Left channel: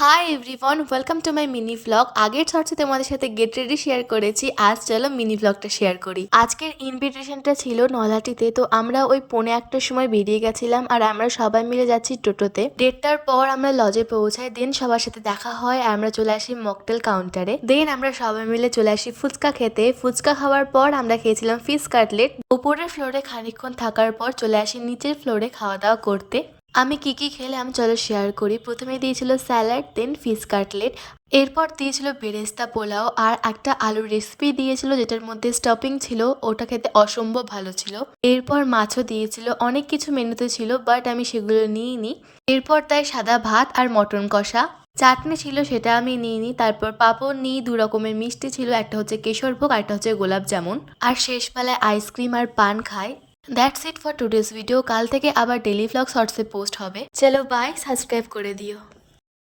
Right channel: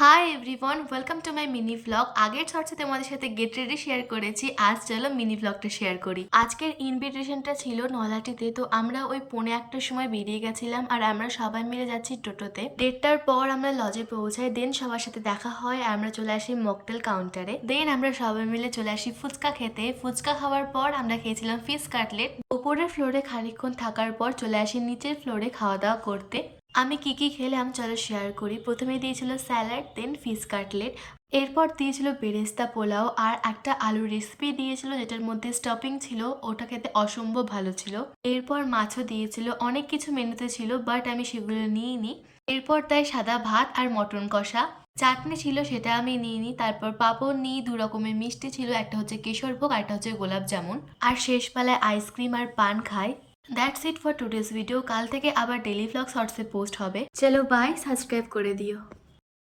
Hi everyone, welcome to my mini vlog. আগের শর্টসে তোমাদের সাথে গেট রেডি শেয়ার করেছি, আজ চলো মিনি ভ্লগটা শেয়ার করি। আজকের ইনভিটেশনটা ছিল নলাটিতে, তো আমরা ওই 1:45টার সময় বেরিয়ে গেছিলাম আর আমরা সবাই মিলে যাচ্ছি টোটোতে। 1:30টার পর আমরা লজে পৌঁছাই, দেন সবার সাথে দেখা হয় আর আমরা চলে আসি মকটেল কাউন্টারে। দেন আমরা সবাই মিলে চলে আসি ফুচকা খেতে। ফুচকা খাওয়ার পর আমরা খেয়েছিলাম ফিশ কাটলেট। উপরের ফ্লোরে খানিকক্ষণ থাকার পর চলে আসি নিচের ফ্লোরে খাওয়া দাওয়া করতে। আমি কি খেলাম চলো শেয়ার করি। প্রথমে দিয়েছিল স্যালাড, দেন ফিশ কাটলেট, এরপর দিয়েছিল বেরেস্তা পোলাও আর একটা আলুর রেসিপি দিয়েছিল যেটার মধ্যে স্টফিং ছিল, ওটা খেতে অসম্ভব ভালো ছিল। এরপর মাছও দিয়েছিল, অনেক কিছু মেনুতে ছিল বাট আমি সেগুলো নিইনি। এরপর তাই সাদা ভাত আর মটন কষা, চাটনি ছিল সেটা আমি নিইনি। তারপর পাঁপড় নিই, 2 রকমের মিষ্টি ছিল, একটা হচ্ছে কেশরভোগ আর একটা হচ্ছে গোলাপ জামুন, আর শেষবেলায় আইসক্রিম আর পান খাই। That's it for today's video. কাল থেকে আবার ডেলি ভ্লগ শর্টসে পোস্ট হবে। চলো বাই, সাবস্ক্রাইব করে দিও।